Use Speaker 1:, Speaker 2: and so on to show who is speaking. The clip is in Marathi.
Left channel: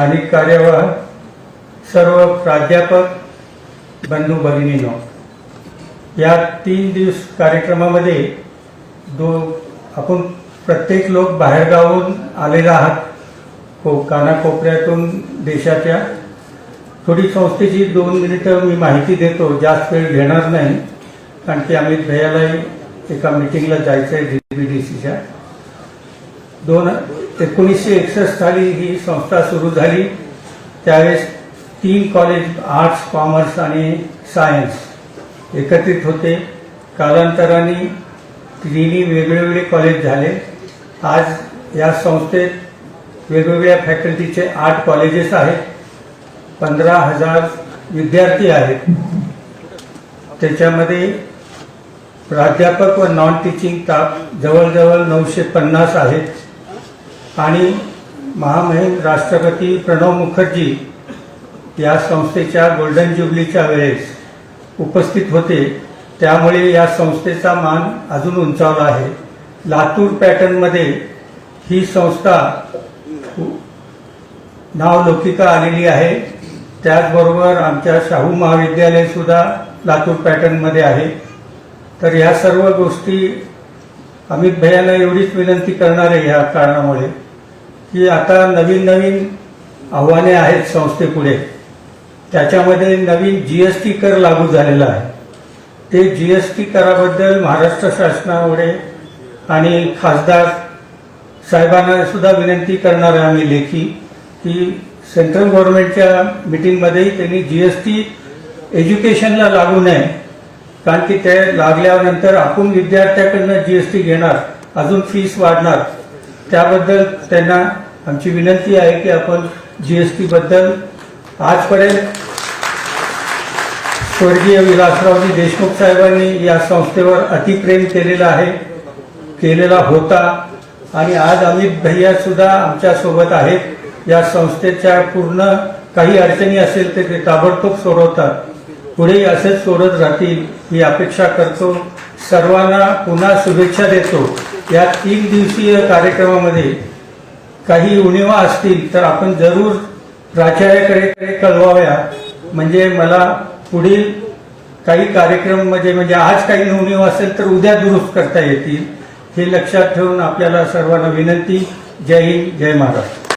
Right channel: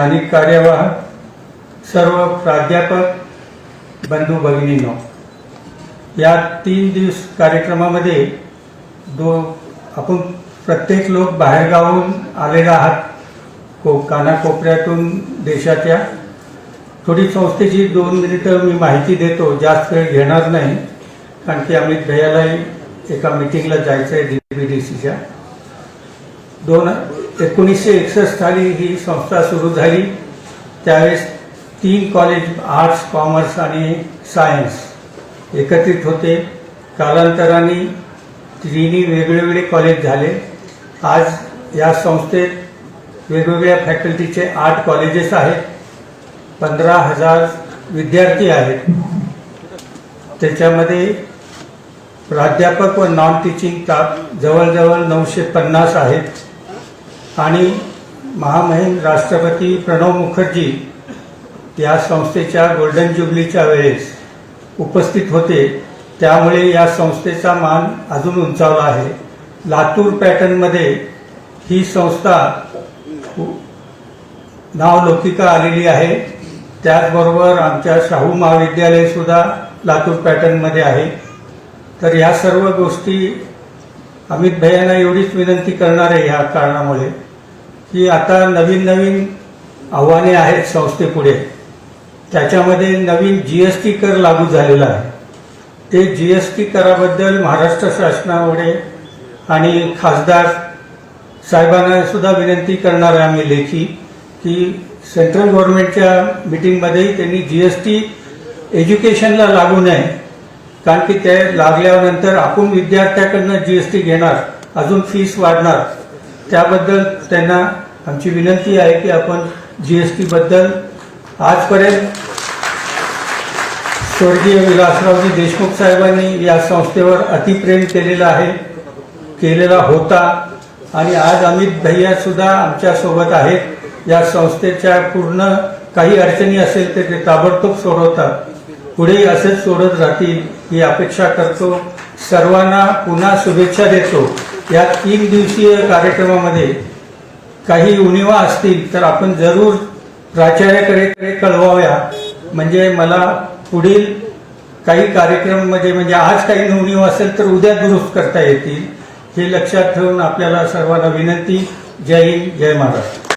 Speaker 1: स्थानिक कार्यवाह सर्व प्राध्यापक बंधू भगिनीनो या तीन दिवस कार्यक्रमामध्ये दो आपण प्रत्येक लोक बाहेरगावून आलेला आहात. को कानाकोपऱ्यातून देशाच्या. थोडी संस्थेची दोन मिनिटं मी माहिती देतो जास्त वेळ घेणार नाही कारण की अमित भैयालाही एका मिटिंगला जायचं आहे डीबीडीसीच्या दोन एकोणीसशे एकसष्ट साली ही संस्था सुरू झाली. त्यावेळेस तीन कॉलेज आर्ट्स कॉमर्स आणि सायन्स एकत्रित होते. कालांतराने तिन्ही वेगवेगळे कॉलेज झाले. आज या संस्थेत वेगवेगळ्या फॅकल्टीचे आठ कॉलेजेस आहेत. पंधरा हजार विद्यार्थी आहेत. त्याच्यामध्ये प्राध्यापक व नॉन टीचिंग स्टाफ जवळजवळ नऊशे पन्नास आहेत. आणि महामहिम राष्ट्रपती प्रणव मुखर्जी या संस्थेच्या गोल्डन ज्युबलीच्या वेळेस उपस्थित होते. त्यामुळे या संस्थेचा मान अजून उंचावला आहे. लातूर पॅटर्नमध्ये ही संस्था नावलौकिका आलेली आहे. त्याचबरोबर आमच्या शाहू महाविद्यालय सुद्धा लातूर पॅटर्नमध्ये आहे. तर या सर्व गोष्टी अमित भैयांना एवढीच विनंती करणार आहे या कारणामुळे की आता नवीन नवीन आव्हाने आहेत संस्थेपुढे. त्याच्यामध्ये नवीन जीएसटी कर लागू झालेला आहे. ते जीएसटी कराबद्दल महाराष्ट्र शासनामुळे आणि खासदार साहेबांना सुद्धा विनंती करणार आहे आम्ही लेखी की सेंट्रल गव्हर्नमेंटच्या मिटिंगमध्येही त्यांनी जीएसटी एज्युकेशनला लागू नये. कारण की ते लागल्यानंतर आपण विद्यार्थ्याकडनं जीएसटी घेणार अजून फीस वाढणार. त्याबद्दल त्यांना आमची विनंती आहे की आपण जीएसटी बद्दल आजपर्यंत स्वर्गीय विलासरावजी देशमुख साहेबांनी या संस्थेवर अतिप्रेम केलेला आहे केलेला होता. आणि आज अमित भैया सुद्धा आमच्यासोबत आहेत. या संस्थेच्या पूर्ण काही अडचणी असेल तर ते ताबडतोब सोडवतात. पुढेही असेच सोडत राहतील ही अपेक्षा करतो. सर्वांना पुन्हा शुभेच्छा देतो. या तीन दिवसीय कार्यक्रमामध्ये काही उणिवा असतील तर आपण जरूर प्राचार्याकडे कळवाव्या. म्हणजे मला पुढील काही कार्यक्रम म्हणजे म्हणजे आज काही उणीव असेल तर उद्या दुरुस्त करता येतील. हे लक्षात ठेवून आपल्याला सर्वांना विनंती. जय हिंद जय महाराष्ट्र.